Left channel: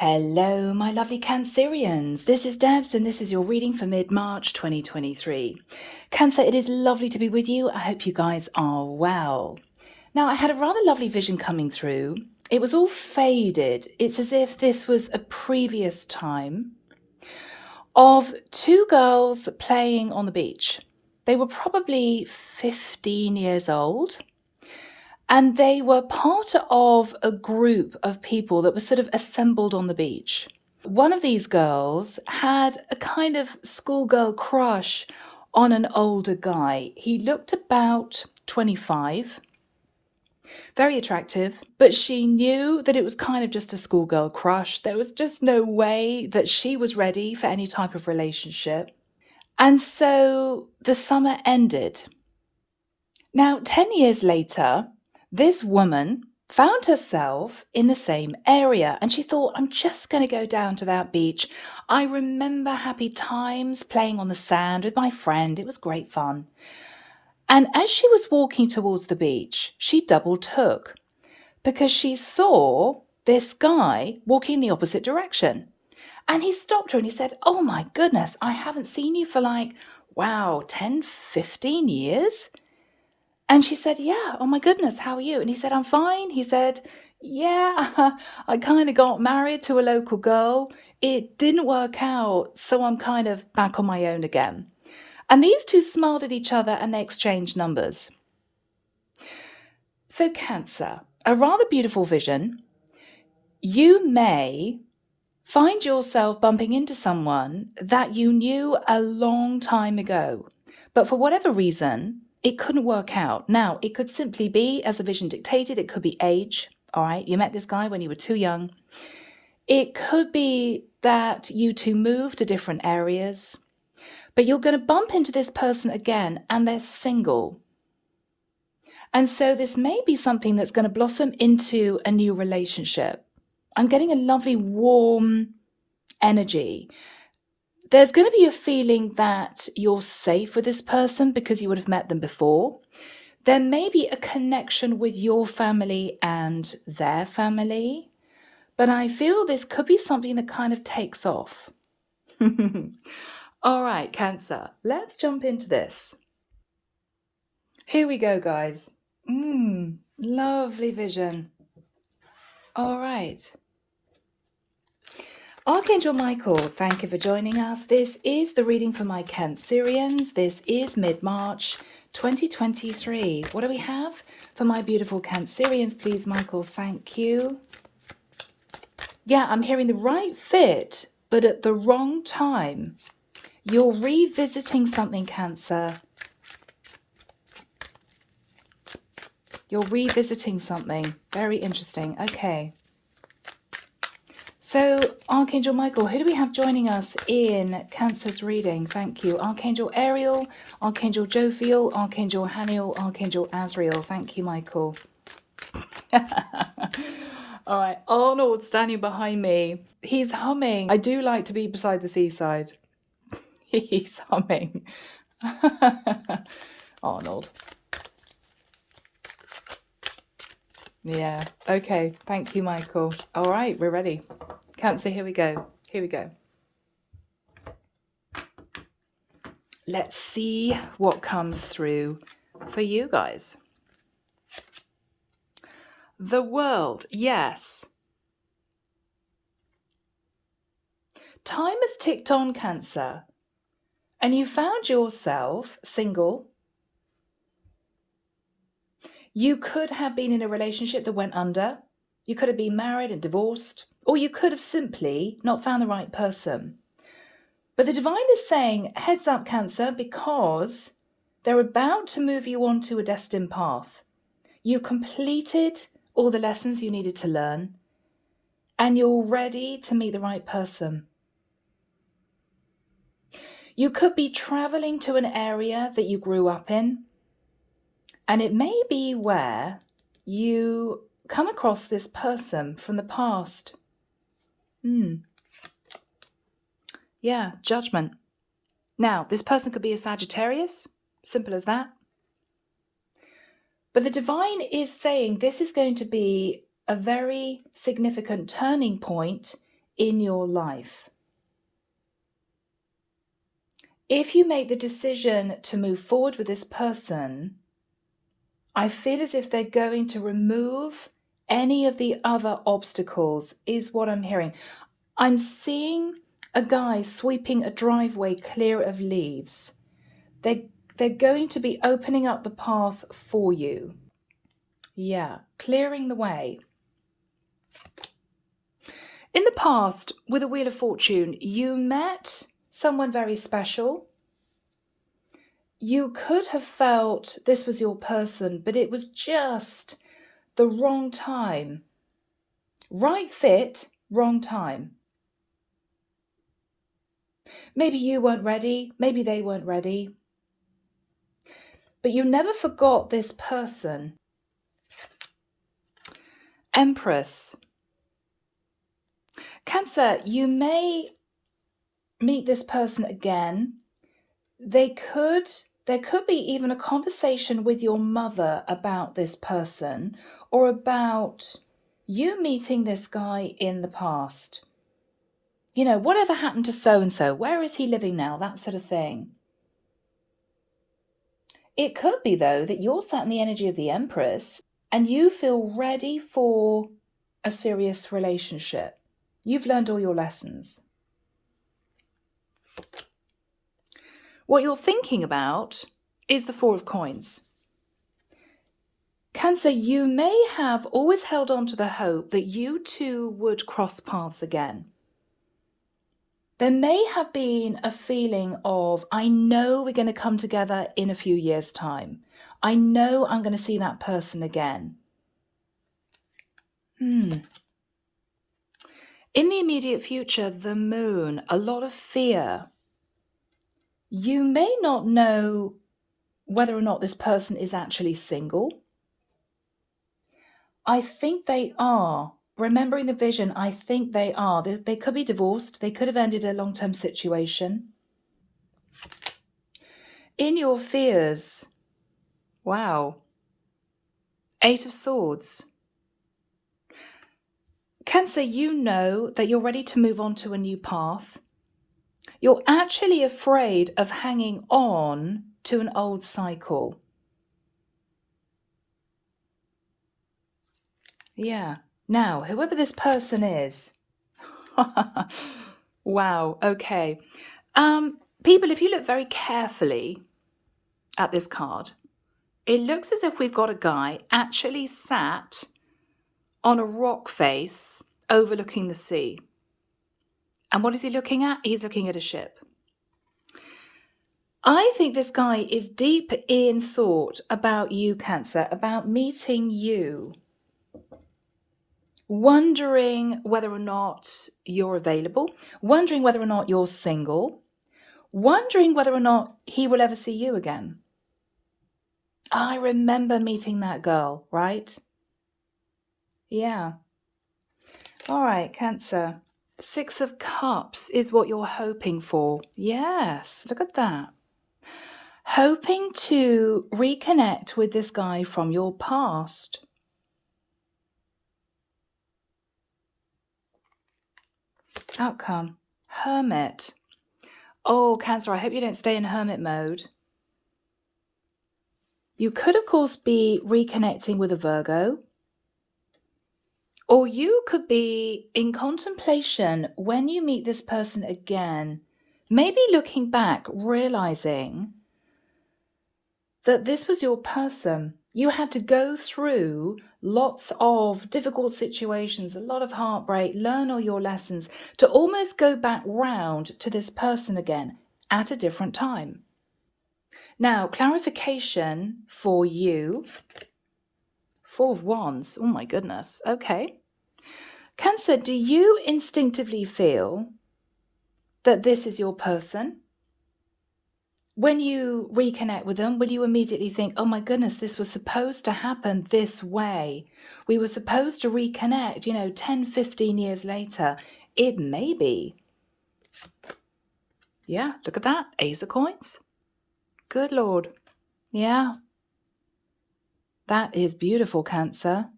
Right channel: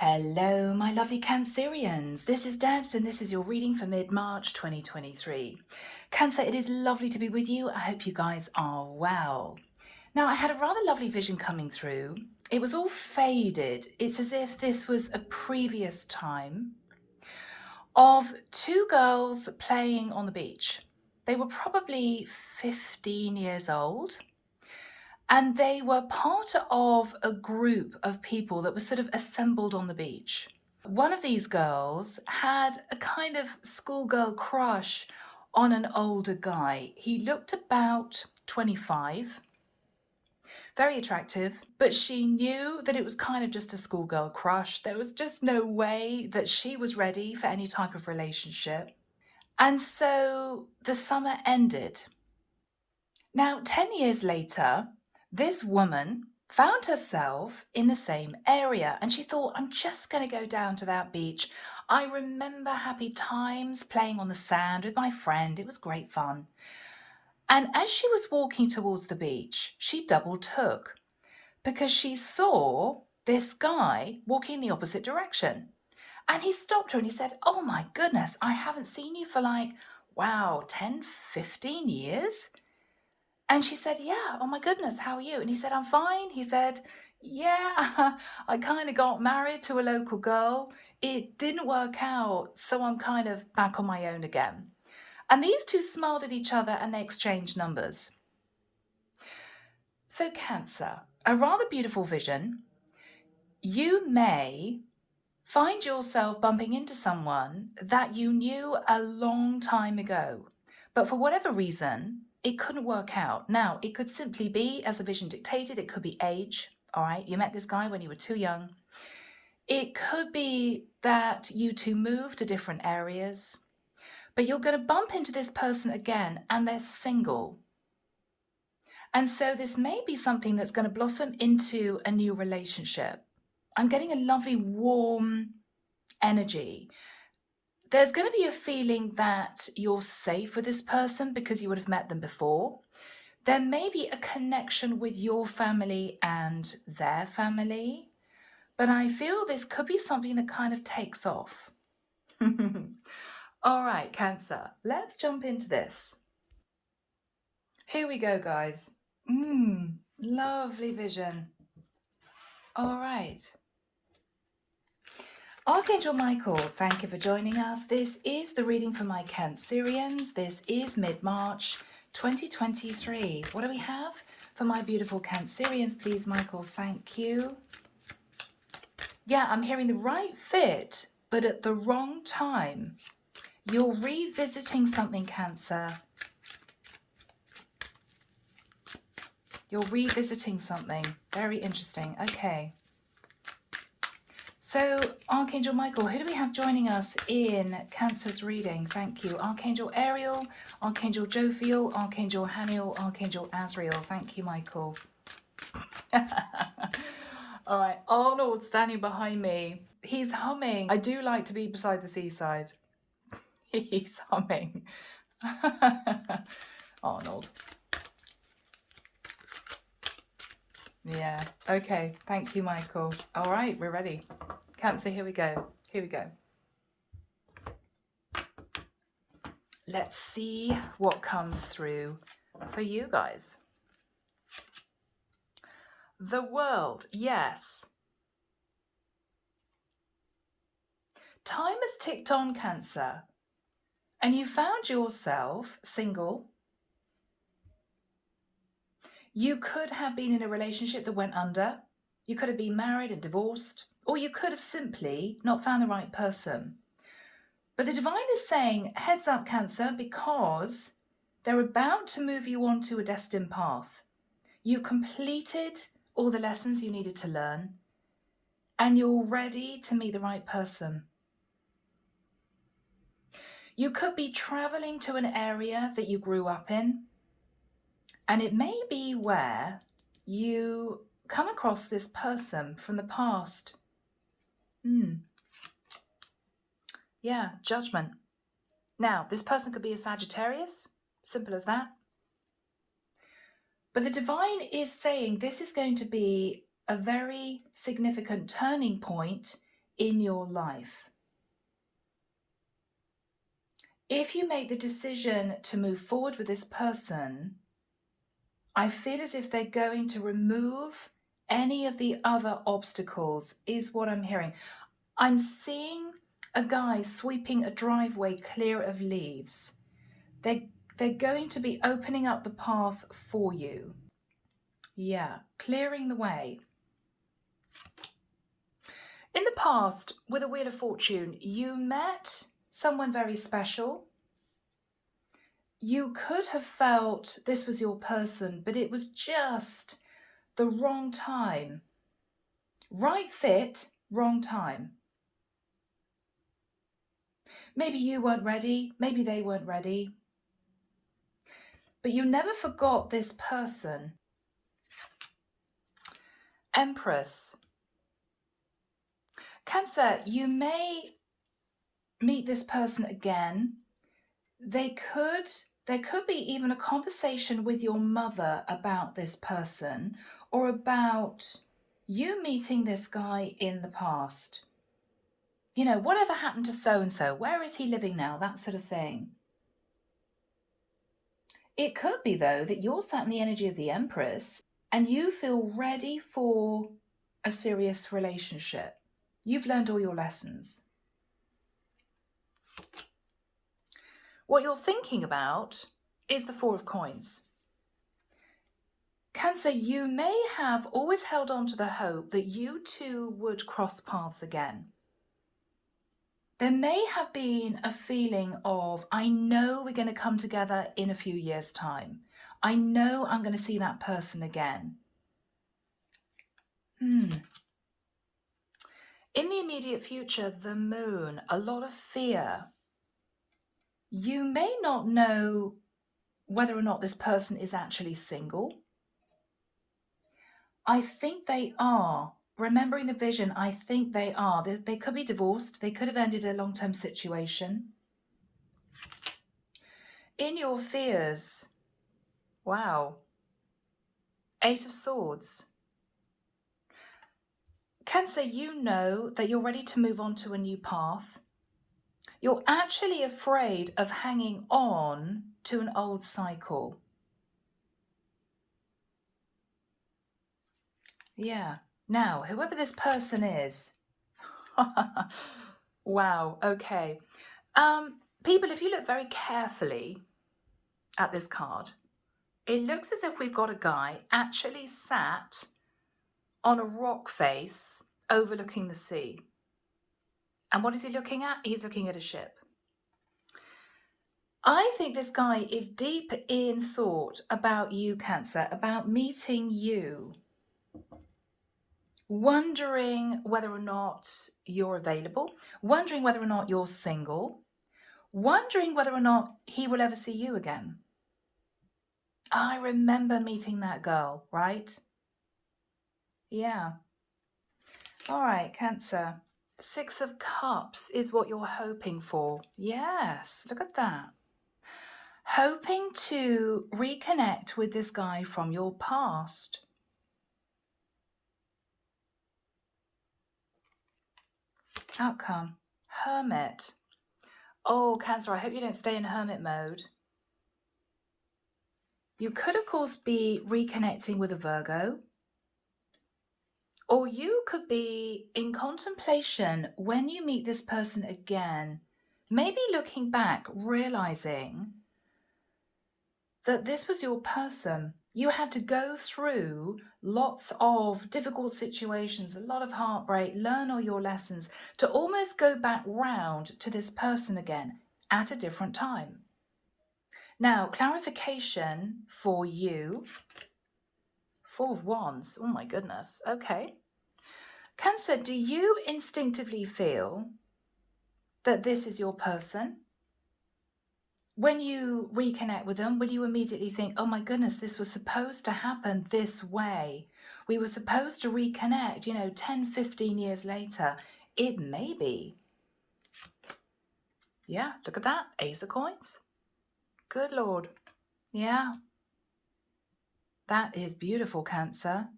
Hello, my lovely Cancerians. This is Debs, and this is your reading for mid-March 2023. Cancer, it is lovely to be with you. I hope you guys are well. Now, I had a rather lovely vision coming through. It was all faded. It's as if this was a previous time of two girls playing on the beach. They were probably 15 years old. And they were part of a group of people that were sort of assembled on the beach. One of these girls had a kind of schoolgirl crush on an older guy. He looked about 25, very attractive, but she knew that it was kind of just a schoolgirl crush. There was just no way that she was ready for any type of relationship. And so the summer ended. Now, 10 years later, this woman found herself in the same area and she thought, I'm just going to go down to that beach. I remember happy times playing on the sand with my friend. It was great fun. And as she was walking towards the beach, she double took because she saw this guy walking the opposite direction. And he stopped her and he said, oh my goodness, I haven't seen you for like, wow, 10, 15 years. And she said, yeah, oh my goodness, how are you? And he said, I'm fine. He said, yeah, I kind of got married to a local girl. It didn't work out, so I'm kind of back on my own again. And these two smiled at each other and they exchanged numbers. So Cancer, a rather beautiful vision. You may find yourself bumping into someone that you knew a long time ago, but for whatever reason, it couldn't work out. Now, it could simply be, as the vision dictated, it could be age. All right, you met this guy when you were too young. It could be that you two moved to different areas, but you're going to bump into this person again and they're single. And so this may be something that's going to blossom into a new relationship. I'm getting a lovely warm energy. There's going to be a feeling that you're safe with this person because you would have met them before. There may be a connection with your family and their family, but I feel this could be something that kind of takes off. All right, Cancer, let's jump into this. Here we go, guys. Lovely vision. All right. Archangel Michael, thank you for joining us. This is the reading for my Cancerians. This is mid-March 2023. What do we have for my beautiful Cancerians, please, Michael? Thank you. Yeah, I'm hearing the right fit, but at the wrong time. You're revisiting something, Cancer. You're revisiting something. Very interesting. Okay. So, Archangel Michael, who do we have joining us in Cancer's reading? Thank you. Archangel Ariel, Archangel Jophiel, Archangel Haniel, Archangel Azrael. Thank you, Michael. All right, Arnold standing behind me. He's humming. I do like to be beside the seaside. He's humming. Arnold. Yeah, okay. Thank you, Michael. All right, we're ready. Cancer, here we go. Here we go. Let's see what comes through for you guys. The world, yes. Time has ticked on, Cancer, and you found yourself single. You could have been in a relationship that went under. You could have been married and divorced, or you could have simply not found the right person. But the divine is saying, heads up, Cancer, because they're about to move you on to a destined path. You completed all the lessons you needed to learn, and you're ready to meet the right person. You could be traveling to an area that you grew up in, and it may be where you come across this person from the past. Yeah, judgment. Now, this person could be a Sagittarius, simple as that. But the divine is saying this is going to be a very significant turning point in your life. If you make the decision to move forward with this person, I feel as if they're going to remove any of the other obstacles, is what I'm hearing. I'm seeing a guy sweeping a driveway clear of leaves. They're going to be opening up the path for you. Yeah, clearing the way. In the past, with the Wheel of Fortune, you met someone very special. You could have felt this was your person, but it was just the wrong time. Right fit, wrong time. Maybe you weren't ready, maybe they weren't ready. But you never forgot this person. Empress. Cancer, you may meet this person again. There could be even a conversation with your mother about this person, or about you meeting this guy in the past. You know, whatever happened to so-and-so? Where is he living now? That sort of thing. It could be, though, that you're sat in the energy of the Empress and you feel ready for a serious relationship. You've learned all your lessons. What you're thinking about is the Four of Coins. Cancer, you may have always held on to the hope that you two would cross paths again. There may have been a feeling of, I know we're going to come together in a few years' time. I know I'm going to see that person again. In the immediate future, the Moon, a lot of fear. You may not know whether or not this person is actually single. I think they are. Remembering the vision, I think they are. They could be divorced. They could have ended a long-term situation. In your fears, wow. Eight of Swords. Cancer, you know that you're ready to move on to a new path. You're actually afraid of hanging on to an old cycle. Yeah. Now, whoever this person is. Wow. Okay. People, if you look very carefully at this card, it looks as if we've got a guy actually sat on a rock face overlooking the sea. And what is he looking at? He's looking at a ship. I think this guy is deep in thought about you, Cancer, about meeting you. Wondering whether or not you're available, wondering whether or not you're single, wondering whether or not he will ever see you again. I remember meeting that girl, right? Yeah. All right, Cancer. Six of Cups is what you're hoping for. Yes, look at that. Hoping to reconnect with this guy from your past. Outcome. Hermit. Oh, Cancer, I hope you don't stay in hermit mode. You could, of course, be reconnecting with a Virgo. Or you could be in contemplation when you meet this person again, maybe looking back, realizing that this was your person. You had to go through lots of difficult situations, a lot of heartbreak, learn all your lessons to almost go back round to this person again at a different time. Now, clarification for you. Four of Wands. Oh my goodness. Okay. Cancer, do you instinctively feel that this is your person? When you reconnect with them, will you immediately think, oh my goodness, this was supposed to happen this way? We were supposed to reconnect, 10, 15 years later. It may be. Yeah, look at that. Ace of Coins. Good Lord. Yeah. That is beautiful, Cancer.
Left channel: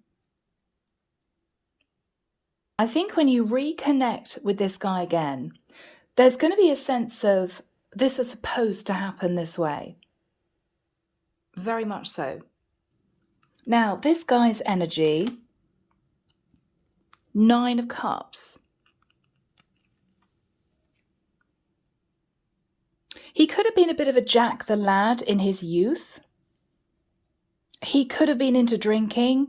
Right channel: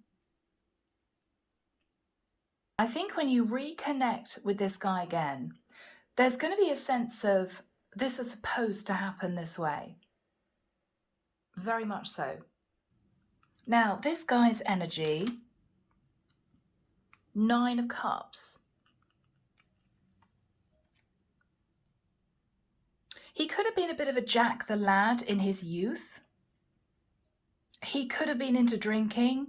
I think when you reconnect with this guy again, there's going to be a sense of this was supposed to happen this way. Very much so. Now, this guy's energy, 9 of Cups. He could have been a bit of a Jack the Lad in his youth. He could have been into drinking.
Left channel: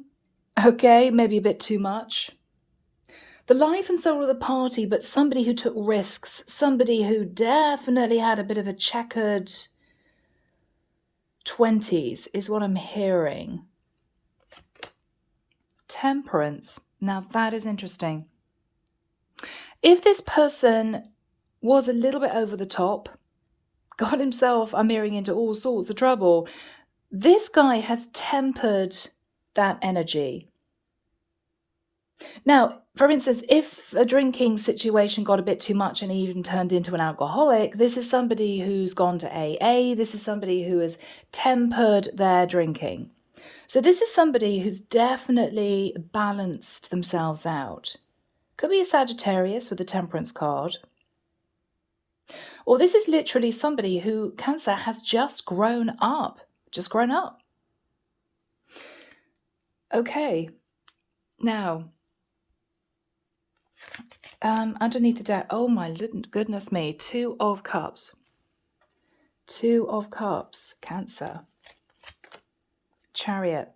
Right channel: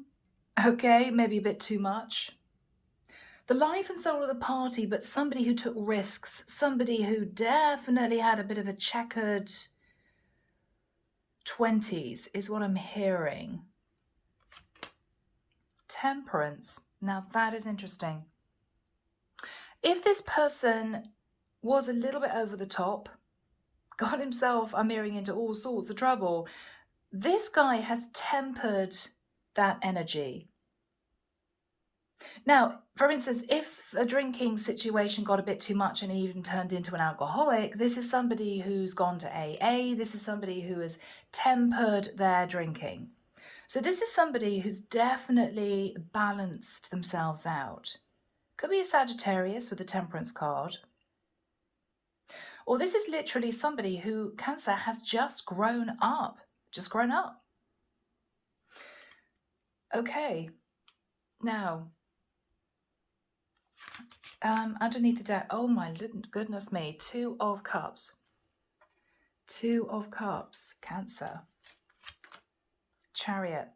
Okay, maybe a bit too much. The life and soul of the party, but somebody who took risks, somebody who definitely had a bit of a checkered 20s is what I'm hearing. Temperance. Now that is interesting. If this person was a little bit over the top, got himself, I'm hearing, into all sorts of trouble, this guy has tempered that energy. Now, for instance, if a drinking situation got a bit too much and he even turned into an alcoholic, this is somebody who's gone to AA. This is somebody who has tempered their drinking. So this is somebody who's definitely balanced themselves out. Could be a Sagittarius with the Temperance card. Or this is literally somebody who, Cancer, has just grown up. Just grown up. Okay. Now, underneath the deck, oh my goodness me, 2 of Cups. 2 of Cups, Cancer. Chariot.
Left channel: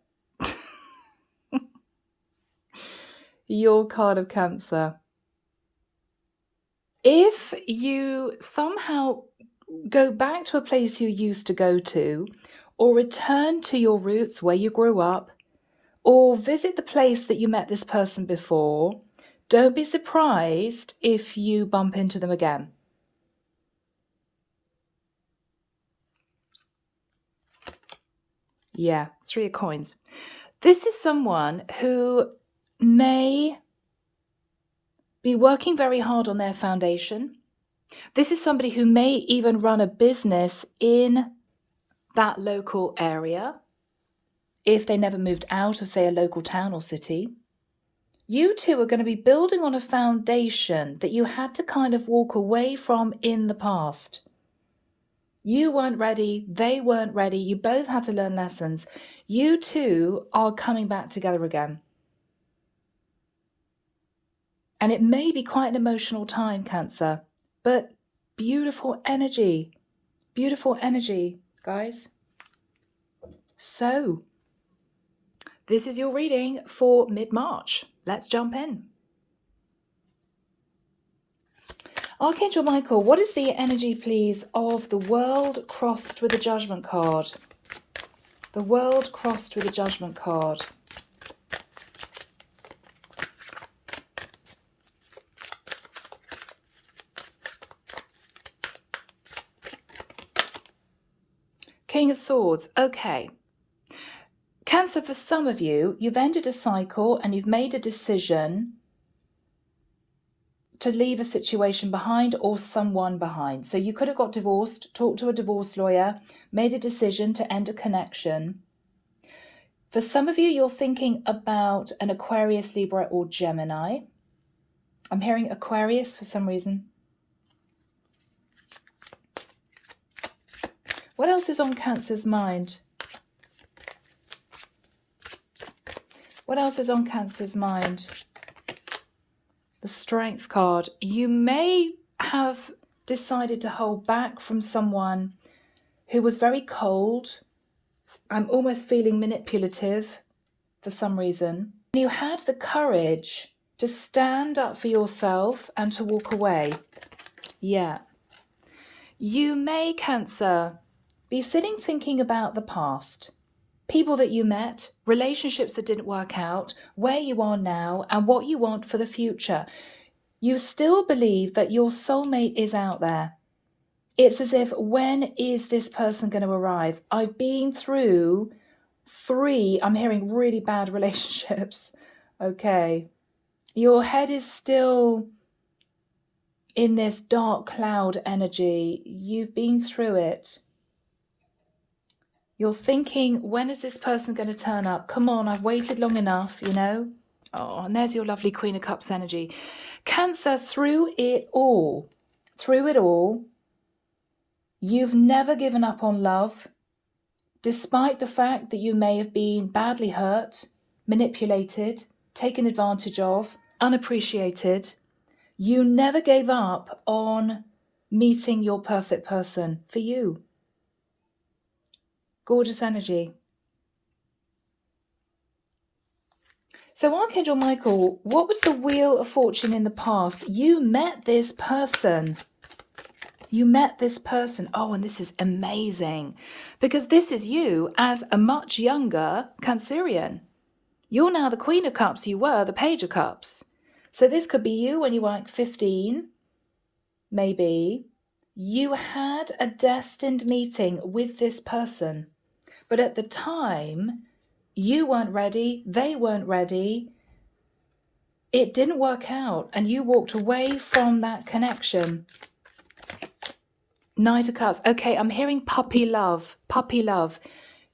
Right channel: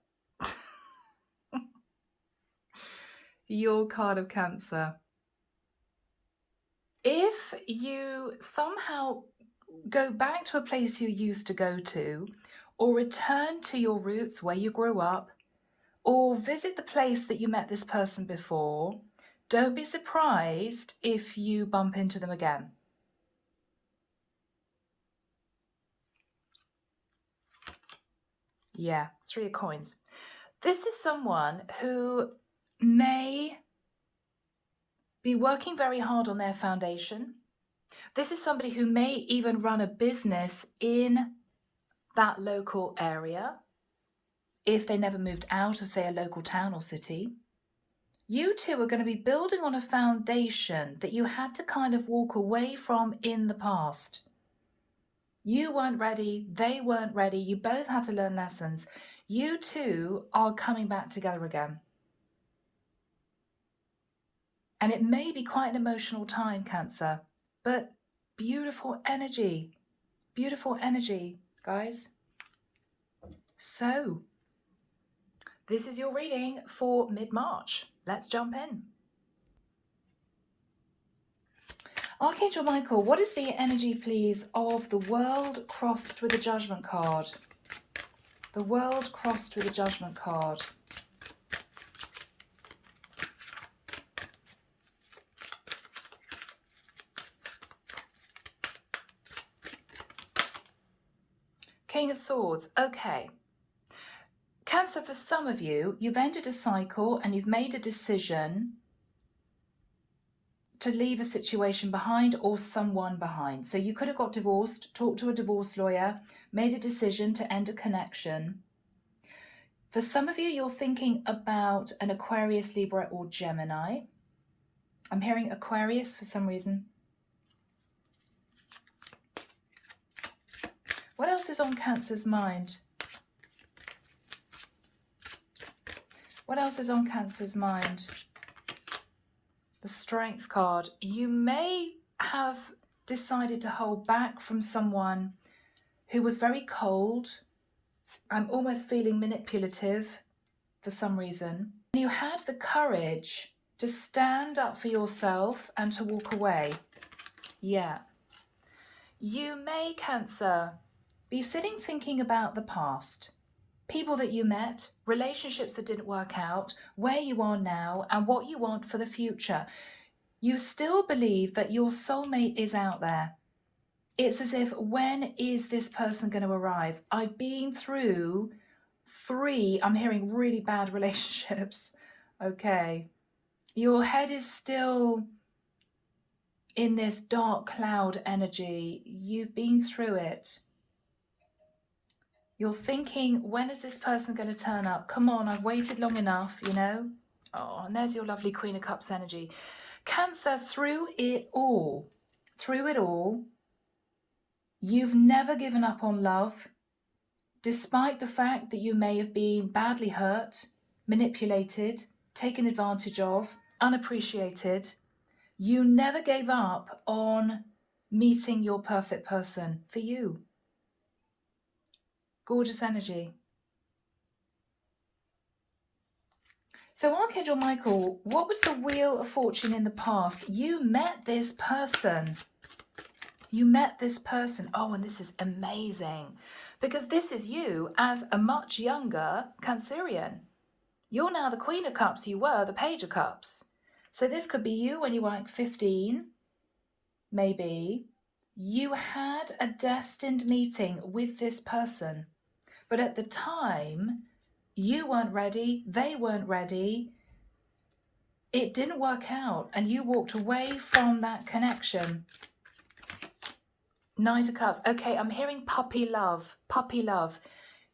Your card of Cancer. If you somehow go back to a place you used to go to, or return to your roots where you grew up, or visit the place that you met this person before, don't be surprised if you bump into them again. Yeah, 3 of Coins. This is someone who may be working very hard on their foundation. This is somebody who may even run a business in that local area if they never moved out of, say, a local town or city. You two are going to be building on a foundation that you had to kind of walk away from in the past. You weren't ready. They weren't ready. You both had to learn lessons. You two are coming back together again. And it may be quite an emotional time, Cancer, but beautiful energy. Beautiful energy, guys. So, this is your reading for mid-March. Let's jump in. Archangel Michael, what is the energy, please, of the World crossed with the Judgment card? The World crossed with the Judgment card. King of Swords. Okay. Cancer, for some of you, you've ended a cycle and you've made a decision to leave a situation behind or someone behind. So you could have got divorced, talked to a divorce lawyer, made a decision to end a connection. For some of you, you're thinking about an Aquarius, Libra, or Gemini. I'm hearing Aquarius for some reason. What else is on Cancer's mind? What else is on Cancer's mind? The Strength card. You may have decided to hold back from someone who was very cold. I'm almost feeling manipulative for some reason. You had the courage to stand up for yourself and to walk away. Yeah. You may, Cancer, be sitting thinking about the past. People that you met, relationships that didn't work out, where you are now, and what you want for the future. You still believe that your soulmate is out there. It's as if, when is this person going to arrive? I've been through 3, I'm hearing, really bad relationships. Okay. Your head is still in this dark cloud energy. You've been through it. You're thinking, when is this person going to turn up? Come on, I've waited long enough, you know? Oh, and there's your lovely Queen of Cups energy. Cancer, through it all, you've never given up on love, despite the fact that you may have been badly hurt, manipulated, taken advantage of, unappreciated. You never gave up on meeting your perfect person for you. Gorgeous energy. So Archangel Michael, what was the Wheel of Fortune in the past? You met this person. You met this person. Oh, and this is amazing because this is you as a much younger Cancerian. You're now the Queen of Cups. You were the Page of Cups. So this could be you when you were like 15, maybe. You had a destined meeting with this person. But at the time, you weren't ready. They weren't ready. It didn't work out. And you walked away from that connection. Knight of Cups. Okay, I'm hearing puppy love. Puppy love.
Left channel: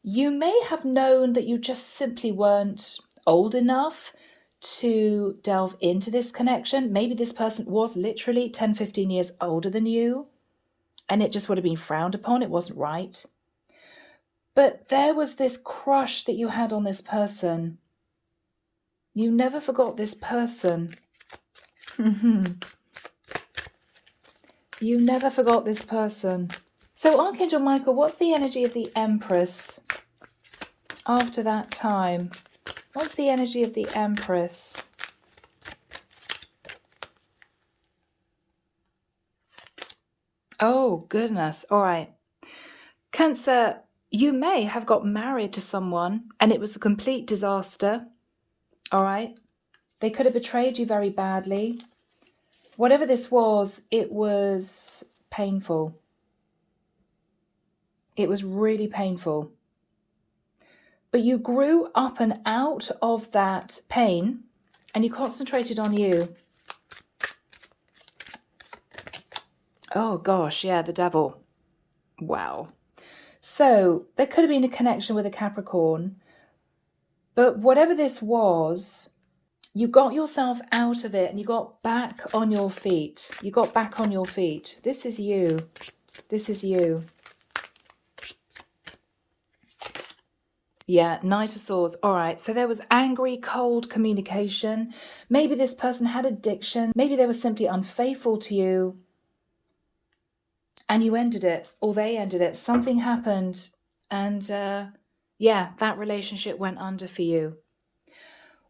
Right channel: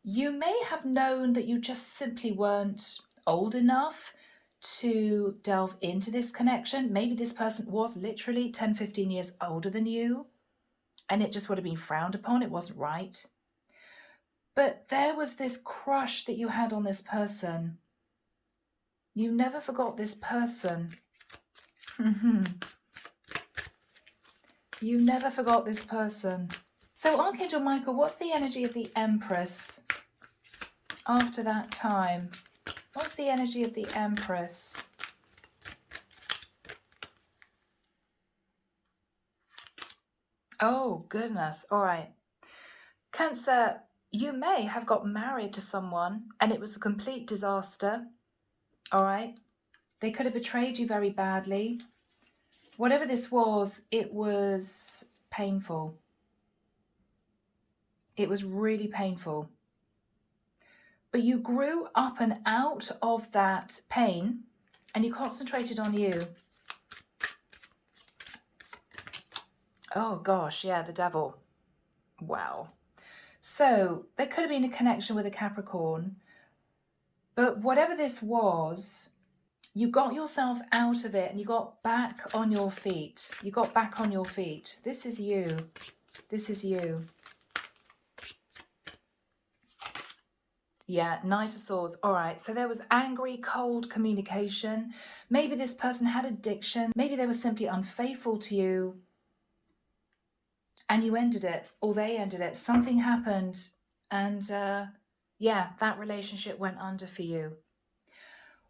You may have known that you just simply weren't old enough to delve into this connection. Maybe this person was literally 10, 15 years older than you, and it just would have been frowned upon. It wasn't right. But there was this crush that you had on this person. You never forgot this person. You never forgot this person. So Archangel Michael, what's the energy of the Empress after that time? What's the energy of the Empress? Oh, goodness. All right. Cancer, you may have got married to someone and it was a complete disaster. All right. They could have betrayed you very badly. Whatever this was, it was painful. It was really painful. But you grew up and out of that pain and you concentrated on you. Oh gosh, yeah, the devil. Wow. So there could have been a connection with a Capricorn, but whatever this was, you got yourself out of it and you got back on your feet. You got back on your feet. This is you. This is you. Yeah, Knight of Swords. All right. So there was angry, cold communication. Maybe this person had addiction. Maybe they were simply unfaithful to you. And you ended it, or they ended it. Something happened. And yeah, that relationship went under for you.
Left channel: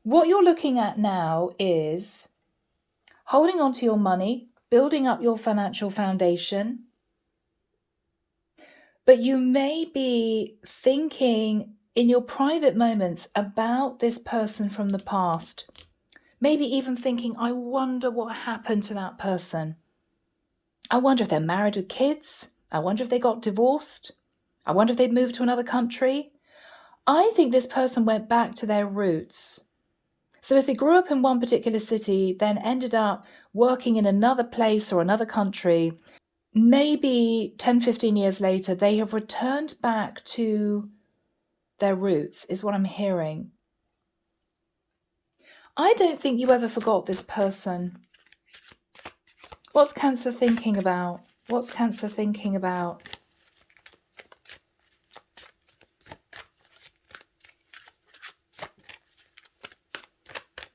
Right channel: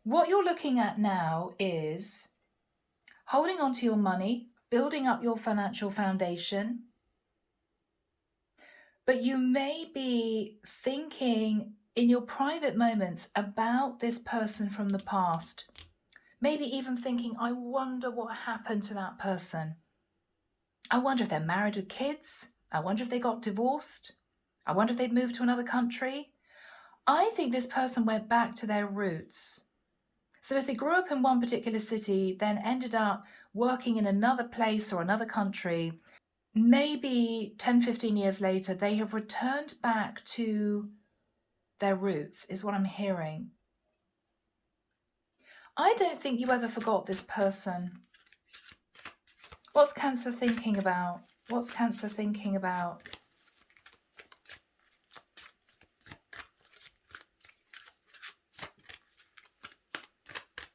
What you're looking at now is holding on to your money, building up your financial foundation. But you may be thinking in your private moments about this person from the past. Maybe even thinking, I wonder what happened to that person. I wonder if they're married with kids. I wonder if they got divorced. I wonder if they've moved to another country. I think this person went back to their roots. So if they grew up in one particular city, then ended up working in another place or another country, maybe 10, 15 years later, they have returned back to their roots, is what I'm hearing. I don't think you ever forgot this person. What's Cancer thinking about? What's Cancer thinking about?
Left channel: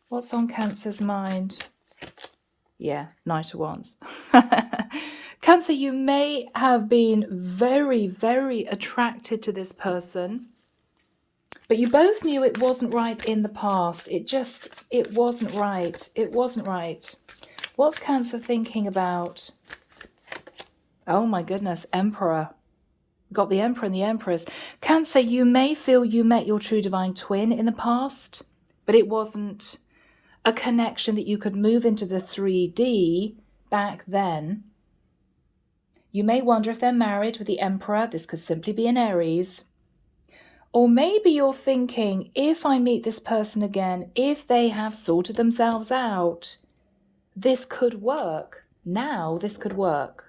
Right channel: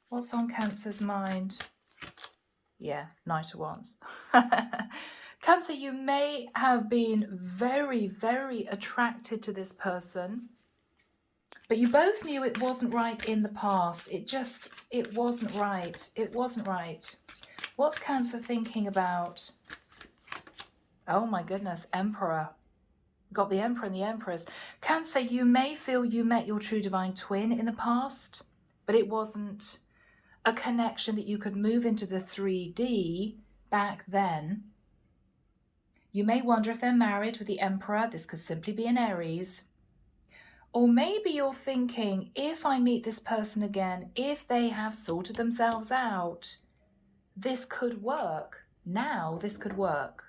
What's on Cancer's mind? Yeah, Knight of Wands. Cancer, you may have been very, very attracted to this person, but you both knew it wasn't right in the past. It wasn't right. It wasn't right. What's Cancer thinking about? Oh my goodness, Emperor. Got the Emperor and the Empress. Cancer, you may feel you met your true divine twin in the past, but it wasn't a connection that you could move into the 3D back then. You may wonder if they're married with the Emperor. This could simply be an Aries. Or maybe you're thinking, if I meet this person again, if they have sorted themselves out, this could work. Now this could work.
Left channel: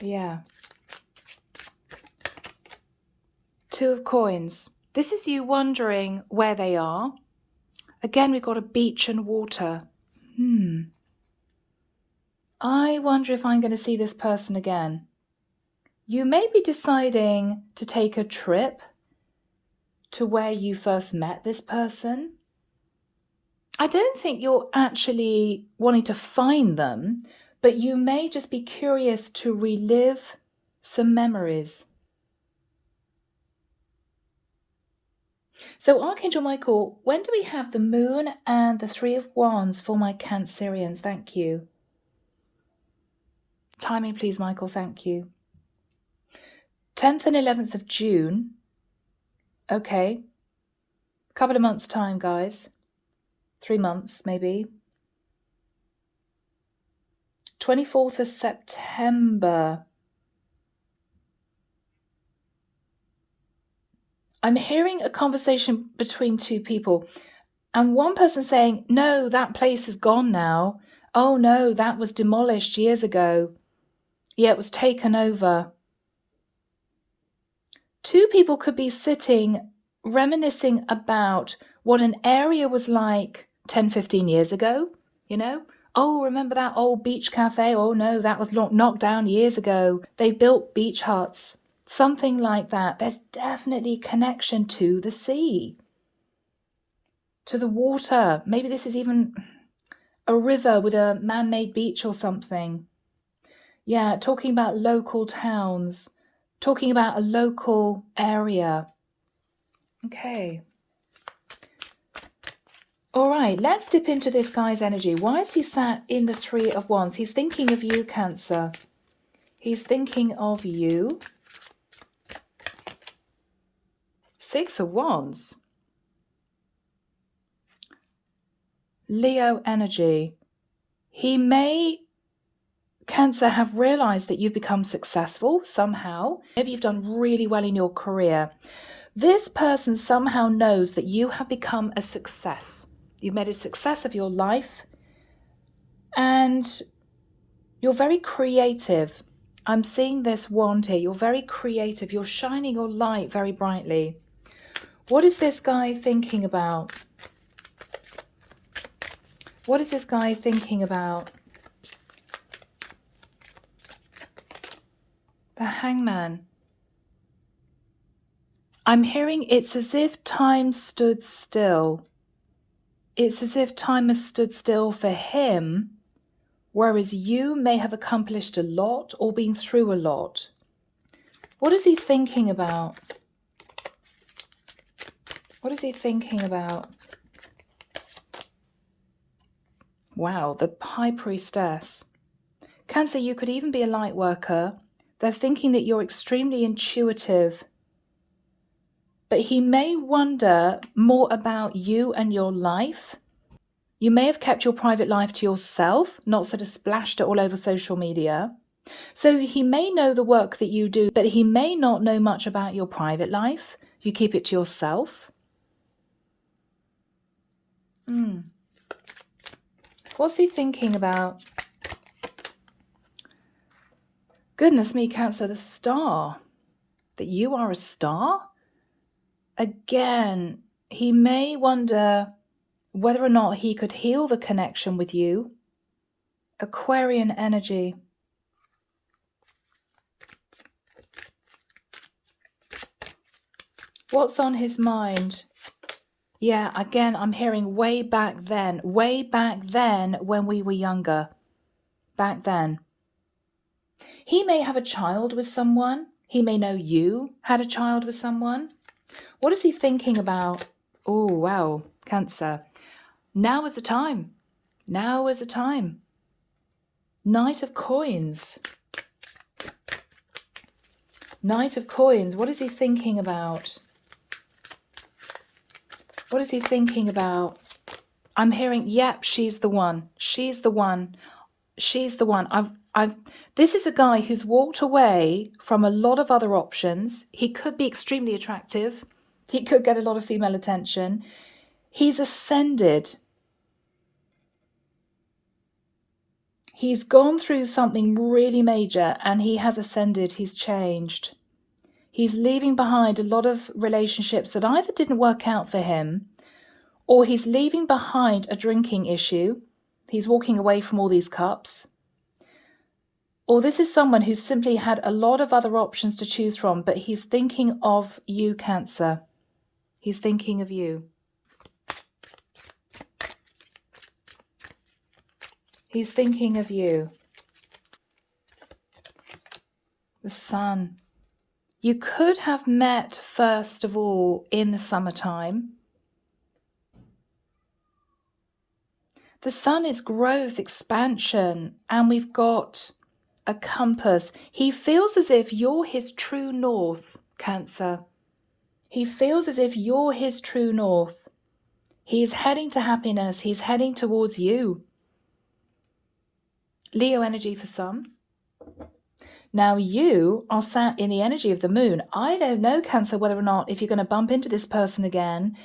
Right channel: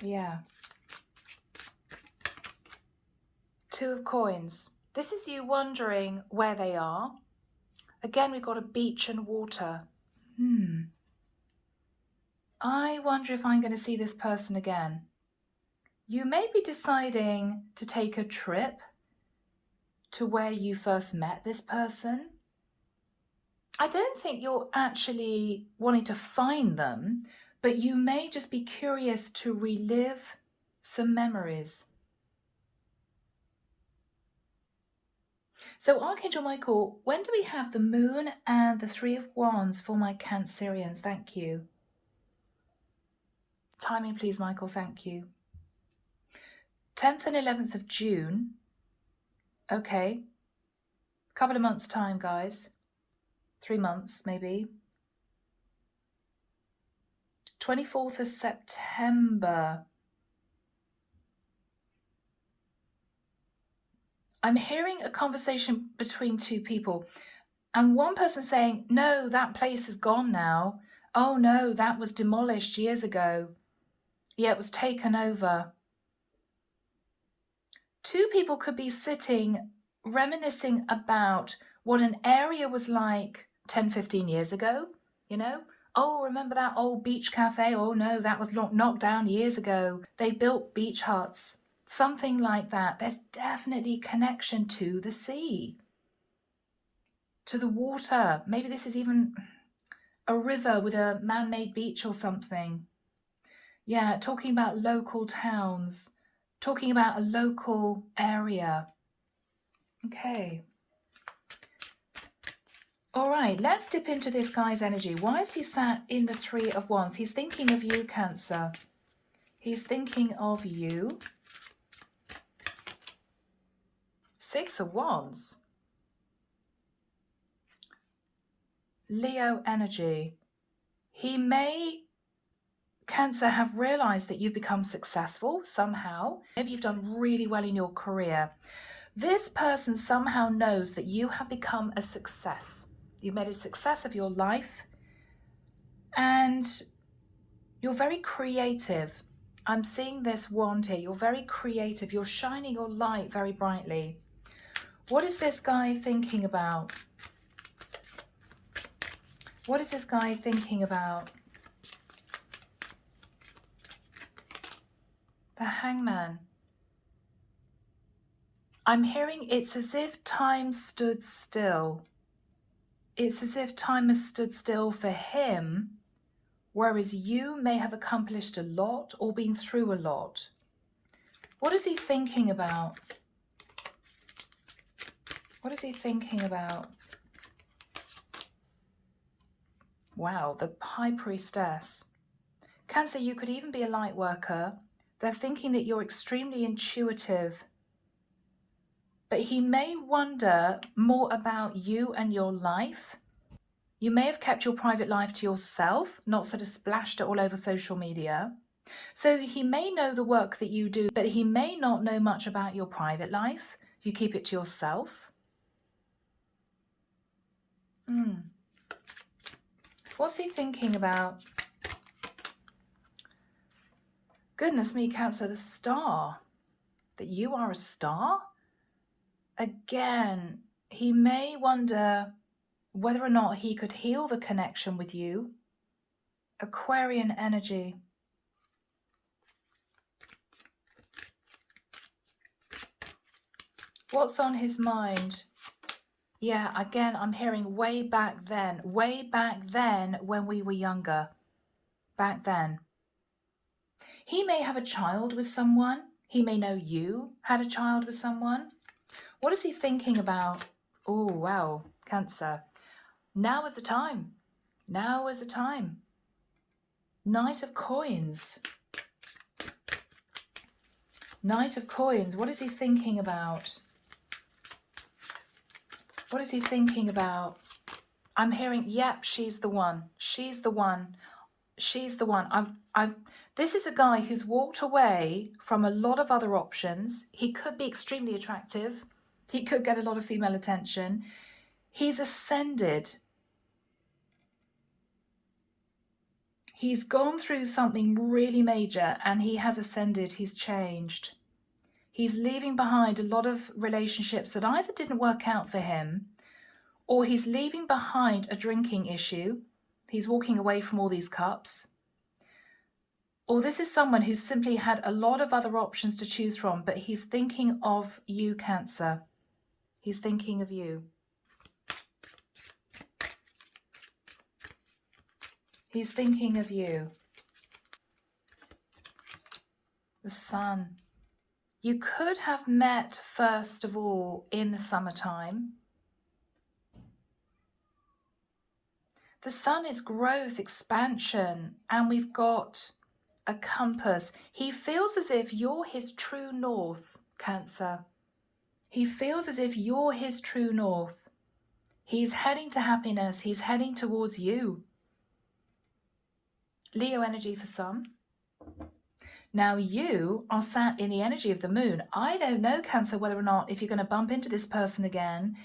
Yeah. Two of Coins. This is you wondering where they are. Again, we've got a beach and water. I wonder if I'm going to see this person again. You may be deciding to take a trip to where you first met this person. I don't think you're actually wanting to find them, but you may just be curious to relive some memories. So Archangel Michael, when do we have the Moon and the Three of Wands for my Cancerians? Thank you. Timing, please, Michael. Thank you. 10th and 11th of June. Okay. Couple of months' time, guys. 3 months, maybe. 24th of September. I'm hearing a conversation between two people, and one person saying, no, that place is gone now. Oh no, that was demolished years ago. Yeah, it was taken over. Two people could be sitting, reminiscing about what an area was like 10, 15 years ago, you know? Oh, remember that old beach cafe? Oh no, that was knocked down years ago. They built beach huts. Something like that. There's definitely connection to the sea, to the water. Maybe this is even a river with a man-made beach or something. Yeah, talking about local towns, talking about a local area. Okay. All right, let's dip into this guy's energy. Why is he sat in the Three of Wands? He's thinking of you, Cancer. He's thinking of you. Six of Wands. Leo energy. He may, Cancer, have realized that you've become successful somehow. Maybe you've done really well in your career. This person somehow knows that you have become a success. You've made a success of your life and you're very creative. I'm seeing this wand here. You're very creative. You're shining your light very brightly. What is this guy thinking about? What is this guy thinking about? The Hangman. I'm hearing it's as if time stood still. It's as if time has stood still for him, whereas you may have accomplished a lot or been through a lot. What is he thinking about? What is he thinking about? Wow, the High Priestess. Cancer, you could even be a light worker. They're thinking that you're extremely intuitive. But he may wonder more about you and your life. You may have kept your private life to yourself, not sort of splashed it all over social media. So he may know the work that you do, but he may not know much about your private life. You keep it to yourself. What's he thinking about? Goodness me, Cancer, the star. That you are a star? Again, he may wonder whether or not he could heal the connection with you. Aquarian energy. What's on his mind? Yeah, again, I'm hearing way back then when we were younger. Back then. He may have a child with someone. He may know you had a child with someone. What is he thinking about? Oh, wow, Cancer. Now is the time. Now is the time. Knight of Coins. Knight of Coins. What is he thinking about? What is he thinking about? I'm hearing, yep, she's the one. She's the one. She's the one. This is a guy who's walked away from a lot of other options. He could be extremely attractive. He could get a lot of female attention. He's ascended. He's gone through something really major and he has ascended. He's changed. He's leaving behind a lot of relationships that either didn't work out for him, or he's leaving behind a drinking issue. He's walking away from all these cups. Or this is someone who's simply had a lot of other options to choose from, but he's thinking of you, Cancer. He's thinking of you. He's thinking of you. The Sun. You could have met, first of all, in the summertime. The Sun is growth, expansion, and we've got a compass. He feels as if you're his true north, Cancer. He feels as if you're his true north. He's heading to happiness. He's heading towards you. Leo energy for some. Now you are sat in the energy of the moon. I don't know, Cancer, whether or not if you're going to bump into this person again,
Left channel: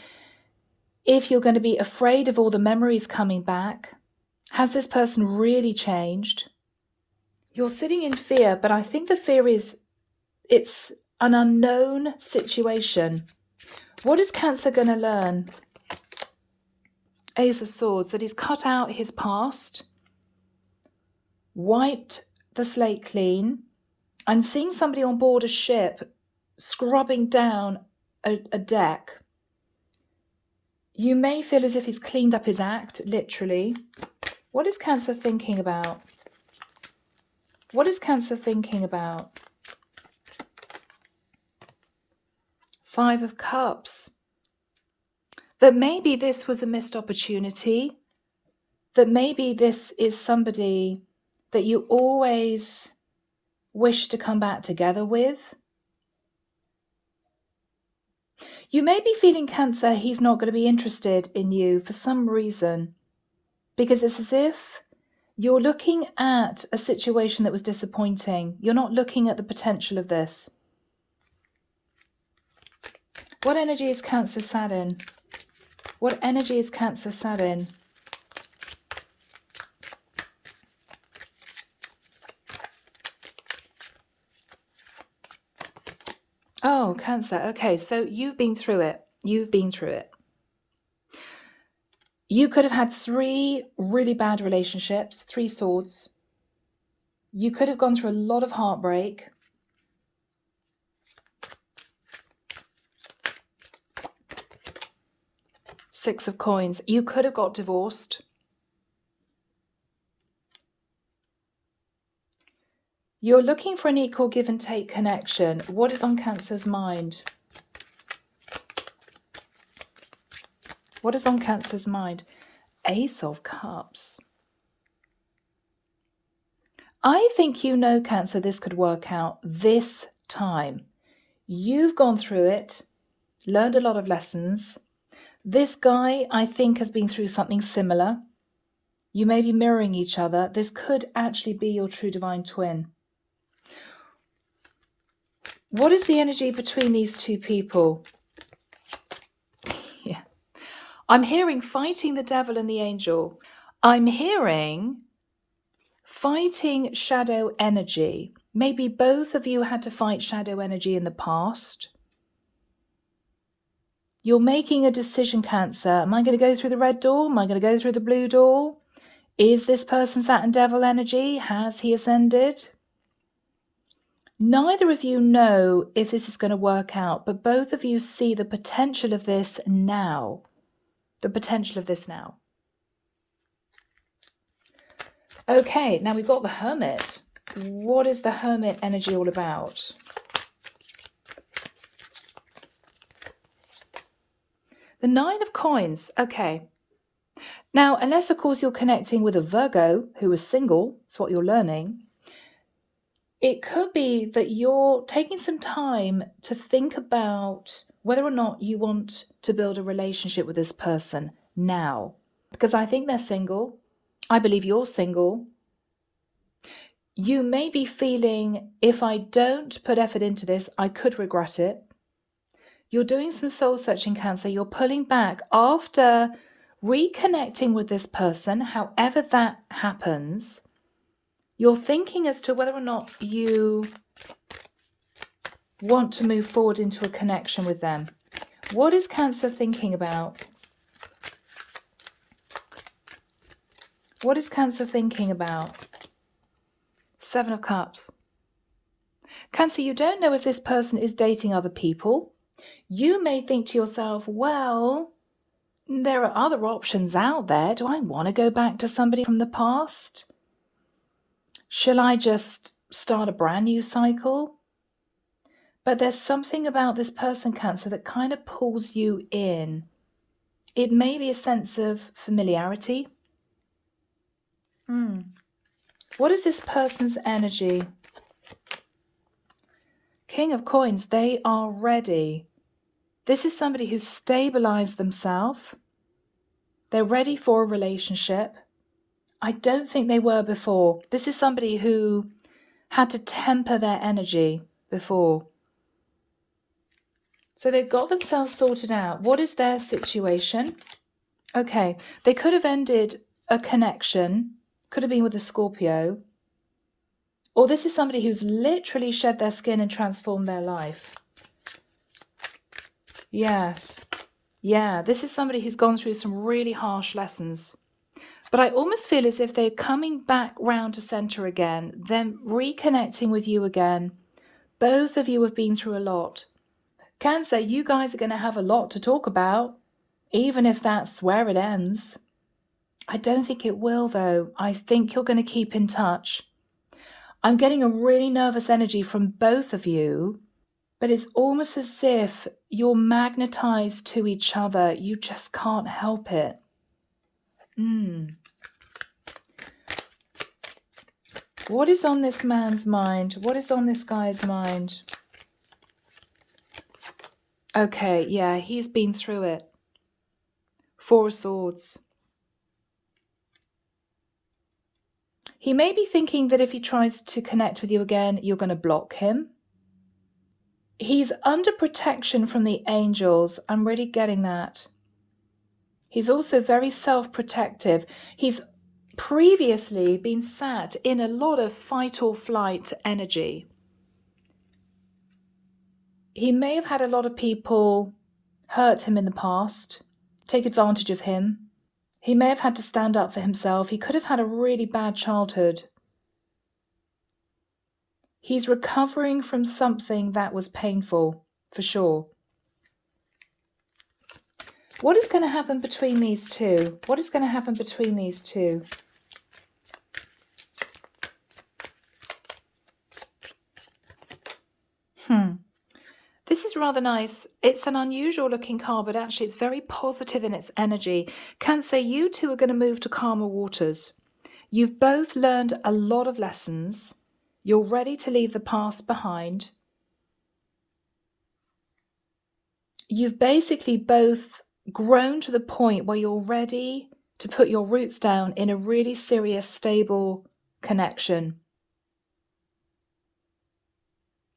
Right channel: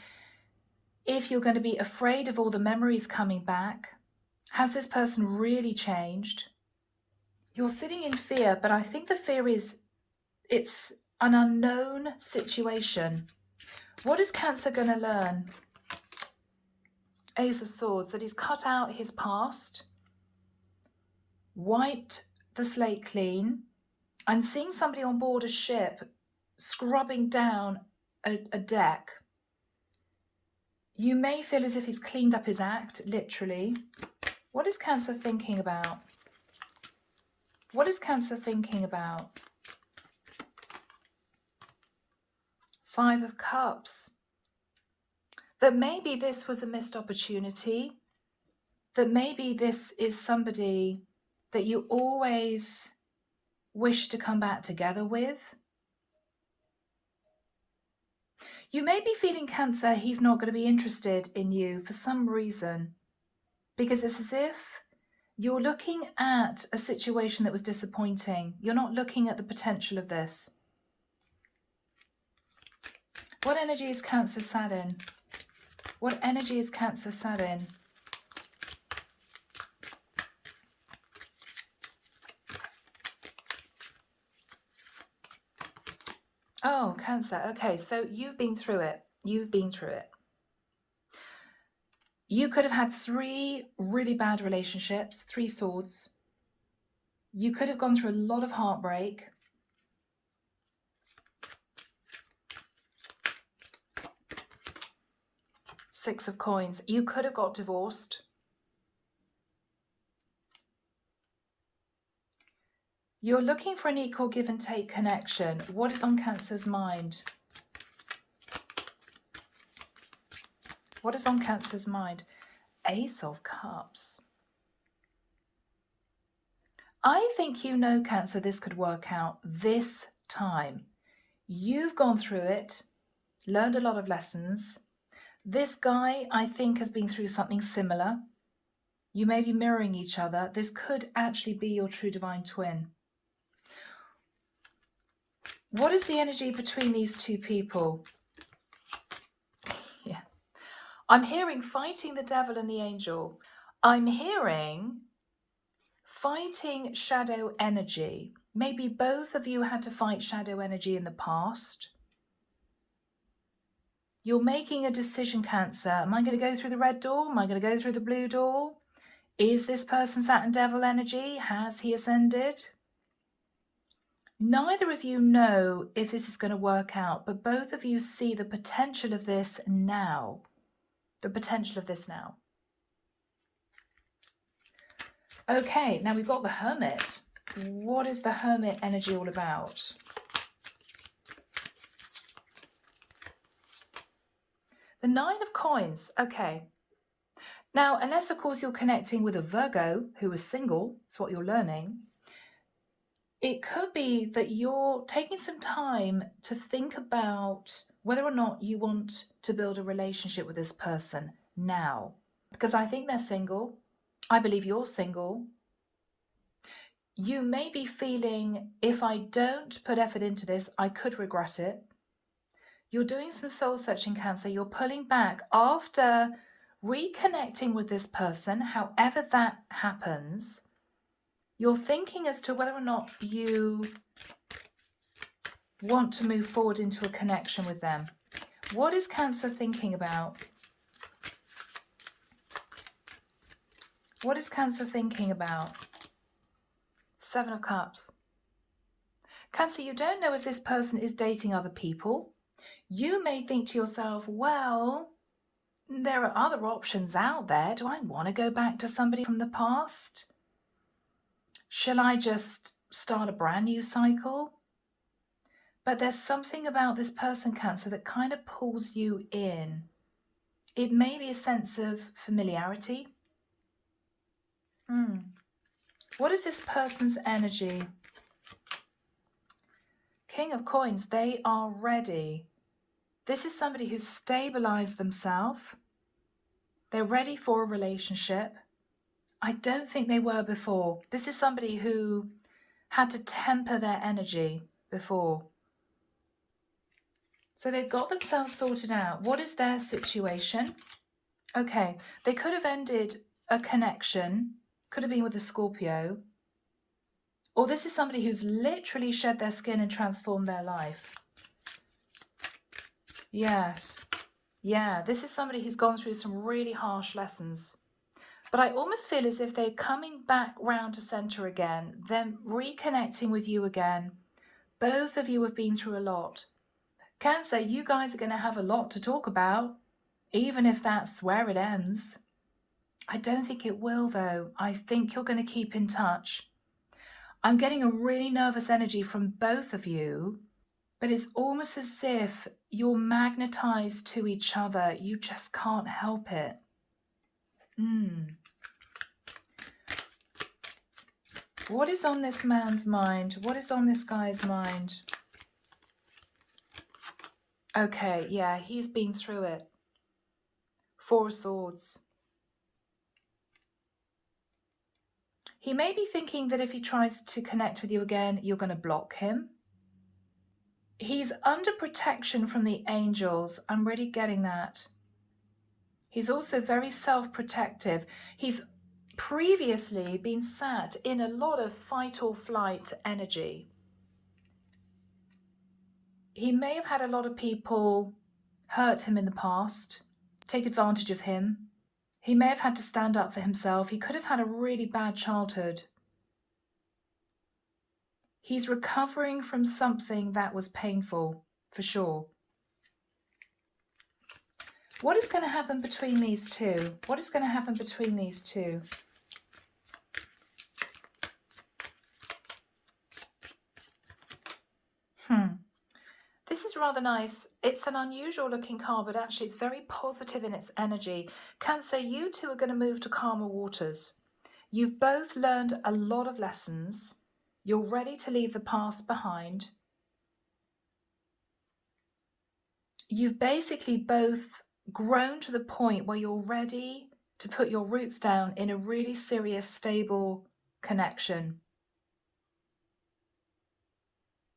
if you're going to be afraid of all the memories coming back. Has this person really changed? You're sitting in fear, but I think the fear is it's an unknown situation. What is Cancer going to learn? Ace of Swords, that he's cut out his past, wiped the slate clean. I'm seeing somebody on board a ship scrubbing down a deck. You may feel as if he's cleaned up his act, literally. What is Cancer thinking about? What is Cancer thinking about? Five of Cups. That maybe this was a missed opportunity. That maybe this is somebody that you always wish to come back together with. You may be feeling, Cancer, he's not going to be interested in you for some reason, because it's as if you're looking at a situation that was disappointing. You're not looking at the potential of this. What energy is Cancer sat in? What energy is Cancer sat in? Oh, Cancer. Okay, so you've been through it. You've been through it. You could have had 3 really bad relationships, 3 swords. You could have gone through a lot of heartbreak. Six of Coins. You could have got divorced. You're looking for an equal give and take connection. What is on Cancer's mind? What is on Cancer's mind? Ace of Cups. I think you know, Cancer, this could work out this time. You've gone through it, learned a lot of lessons. This guy, I think, has been through something similar. You may be mirroring each other. This could actually be your true divine twin. What is the energy between these two people? Yeah. I'm hearing fighting the devil and the angel. I'm hearing fighting shadow energy. Maybe both of you had to fight shadow energy in the past. You're making a decision, Cancer. Am I going to go through the red door? Am I going to go through the blue door? Is this person sat in devil energy? Has he ascended? Neither of you know if this is going to work out, but both of you see the potential of this now. The potential of this now. Okay, now we've got the Hermit. What is the Hermit energy all about? The Nine of Coins. Okay. Now, unless, of course, you're connecting with a Virgo who is single, that's what you're learning, it could be that you're taking some time to think about whether or not you want to build a relationship with this person now. Because I think they're single. I believe you're single. You may be feeling, if I don't put effort into this, I could regret it. You're doing some soul searching, Cancer. You're pulling back after reconnecting with this person, however that happens. You're thinking as to whether or not you want to move forward into a connection with them. What is Cancer thinking about? What is Cancer thinking about? Seven of Cups. Cancer, you don't know if this person is dating other people. You may think to yourself, well, there are other options out there. Do I want to go back to somebody from the past? Shall I just start a brand new cycle? But there's something about this person, Cancer, that kind of pulls you in. It may be a sense of familiarity. What is this person's energy? King of Coins, they are ready. This is somebody who's stabilized themselves. They're ready for a relationship. I don't think they were before. This is somebody who had to temper their energy before. So they've got themselves sorted out. What is their situation? Okay, they could have ended a connection, could have been with a Scorpio, or this is somebody who's literally shed their skin and transformed their life. Yes. Yeah, this is somebody who's gone through some really harsh lessons. But I almost feel as if they're coming back round to center again, them reconnecting with you again. Both of you have been through a lot. Cancer, you guys are going to have a lot to talk about, even if that's where it ends. I don't think it will, though. I think you're going to keep in touch. I'm getting a really nervous energy from both of you, but it's almost as if you're magnetized to each other. You just can't help it. What is on this man's mind? What is on this guy's mind? Okay, yeah, he's been through it. Four of Swords. He may be thinking that if he tries to connect with you again, you're going to block him. He's under protection from the angels. I'm really getting that. He's also very self-protective. He's previously been sat in a lot of fight or flight energy. He may have had a lot of people hurt him in the past, take advantage of him. He may have had to stand up for himself. He could have had a really bad childhood. He's recovering from something that was painful, for sure. What is going to happen between these two? What is going to happen between these two? This is rather nice. It's an unusual looking card, but actually it's very positive in its energy. Cancer, you two are going to move to calmer waters. You've both learned a lot of lessons. You're ready to leave the past behind. You've basically both grown to the point where you're ready to put your roots down in a really serious, stable connection.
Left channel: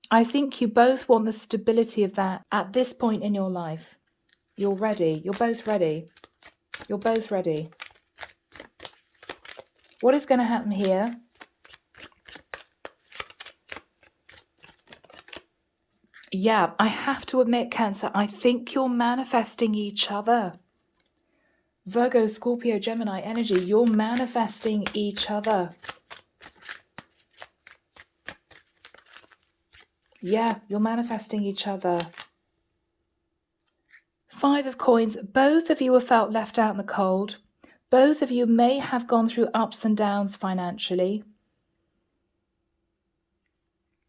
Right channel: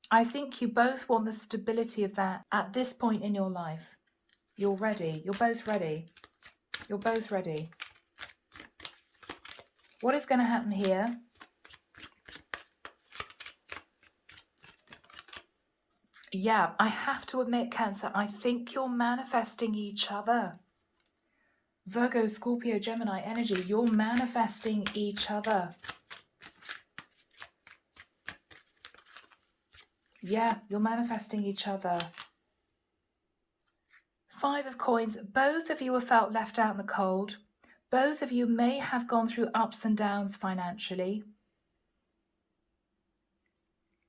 I think you both want the stability of that at this point in your life. You're ready. You're both ready. You're both ready. What is going to happen here? Yeah, I have to admit, Cancer, I think you're manifesting each other. Virgo, Scorpio, Gemini energy, you're manifesting each other. Yeah, you're manifesting each other. Five of Coins, both of you have felt left out in the cold. Both of you may have gone through ups and downs financially.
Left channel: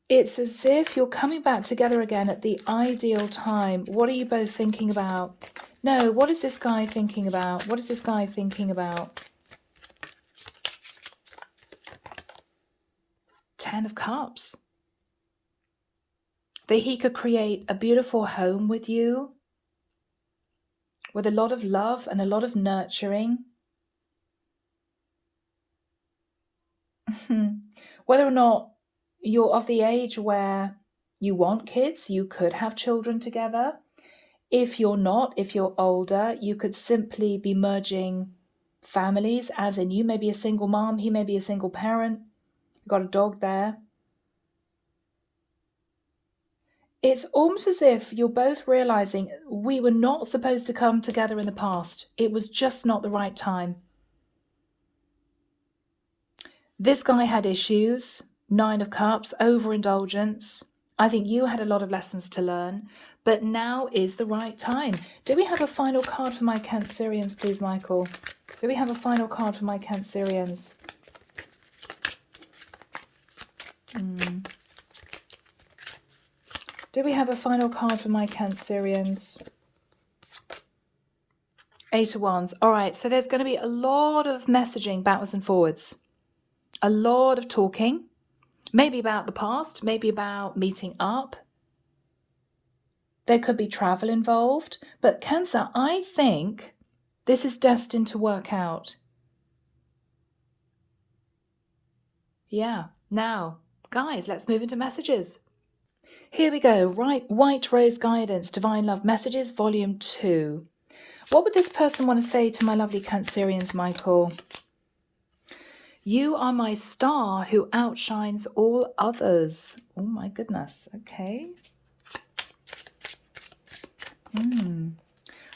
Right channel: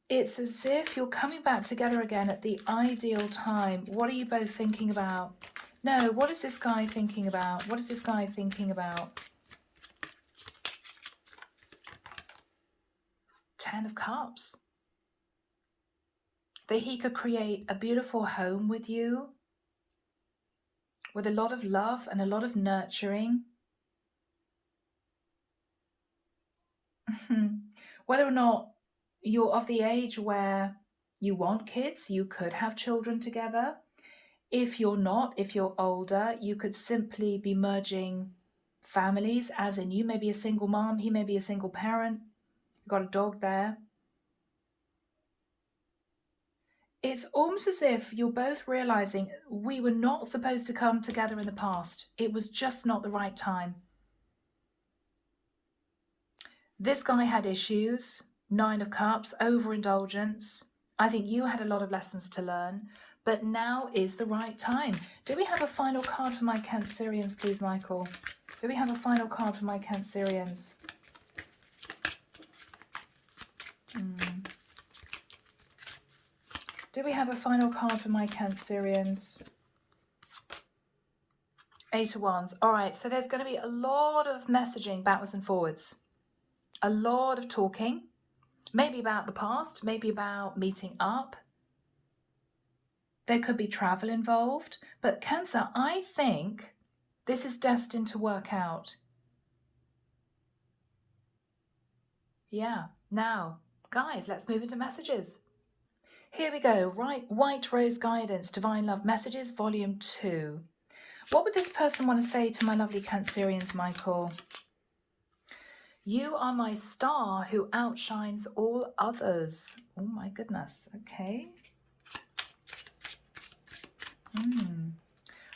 It's as if you're coming back together again at the ideal time. What are you both thinking about? No, what is this guy thinking about? What is this guy thinking about? Ten of Cups. That he could create a beautiful home with you, with a lot of love and a lot of nurturing. Whether or not you're of the age where you want kids, you could have children together. If you're not, if you're older, you could simply be merging families, as in you may be a single mom, he may be a single parent, you've got a dog there. It's almost as if you're both realizing we were not supposed to come together in the past. It was just not the right time. This guy had issues, 9 of Cups, overindulgence. I think you had a lot of lessons to learn, but now is the right time. Do we have a final card for my Cancerians, please, Michael? Do we have a final card for my Cancerians? Do we have a final card for my Cancerians? 8 of Wands. All right, so there's going to be a lot of messaging backwards and forwards. A lot of talking. Maybe about the past, maybe about meeting up. There could be travel involved. But Cancer, I think this is destined to work out. Yeah. Now, guys, let's move into messages. Here we go. Right, White Rose Guidance, Divine Love Messages, Volume 2. What would this person want to say to my lovely Cancerians, Michael? You are my star who outshines all others. Oh my goodness. Okay.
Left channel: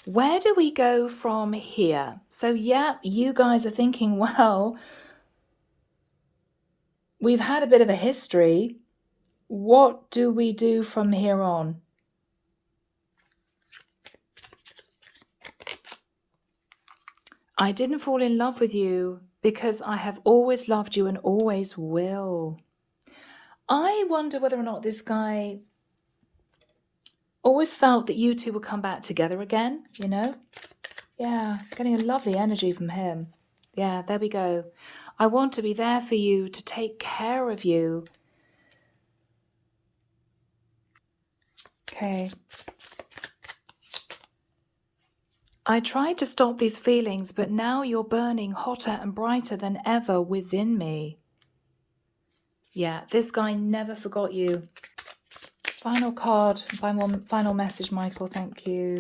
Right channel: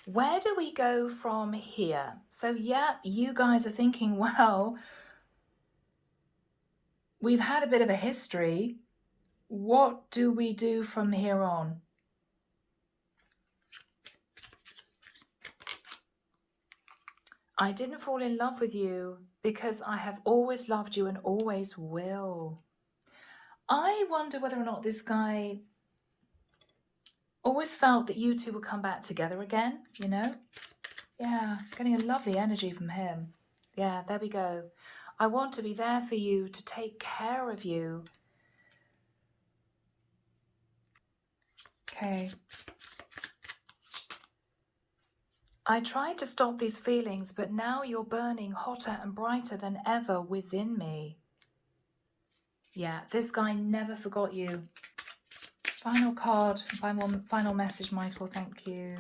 Where do we go from here? So, yeah, you guys are thinking, well, we've had a bit of a history. What do we do from here on? I didn't fall in love with you because I have always loved you and always will. I wonder whether or not this guy always felt that you two would come back together again, you know? Yeah, getting a lovely energy from him. Yeah, there we go. I want to be there for you, to take care of you. Okay. I tried to stop these feelings, but now you're burning hotter and brighter than ever within me. Yeah, this guy never forgot you. Final card, final message, Michael, thank you.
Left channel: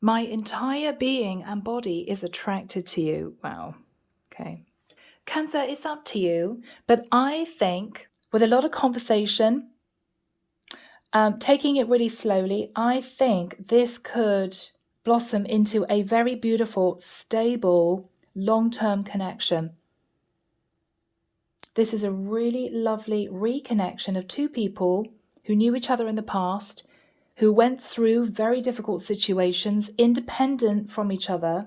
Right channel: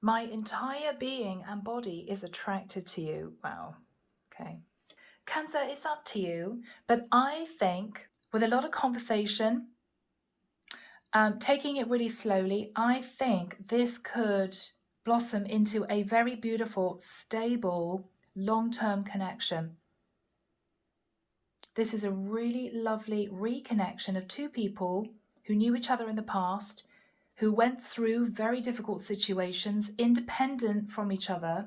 My entire being and body is attracted to you. Wow, okay. Cancer, it's up to you, but I think with a lot of conversation, taking it really slowly, I think this could blossom into a very beautiful, stable, long-term connection. This is a really lovely reconnection of two people who knew each other in the past, who went through very difficult situations, independent from each other,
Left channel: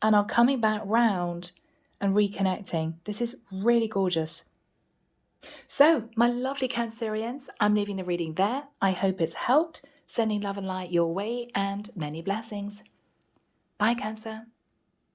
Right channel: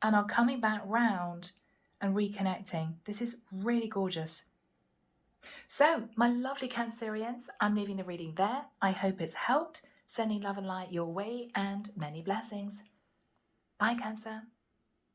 and are coming back round and reconnecting. This is really gorgeous. So, my lovely Cancerians, I'm leaving the reading there. I hope it's helped. Sending love and light your way and many blessings. Bye, Cancer.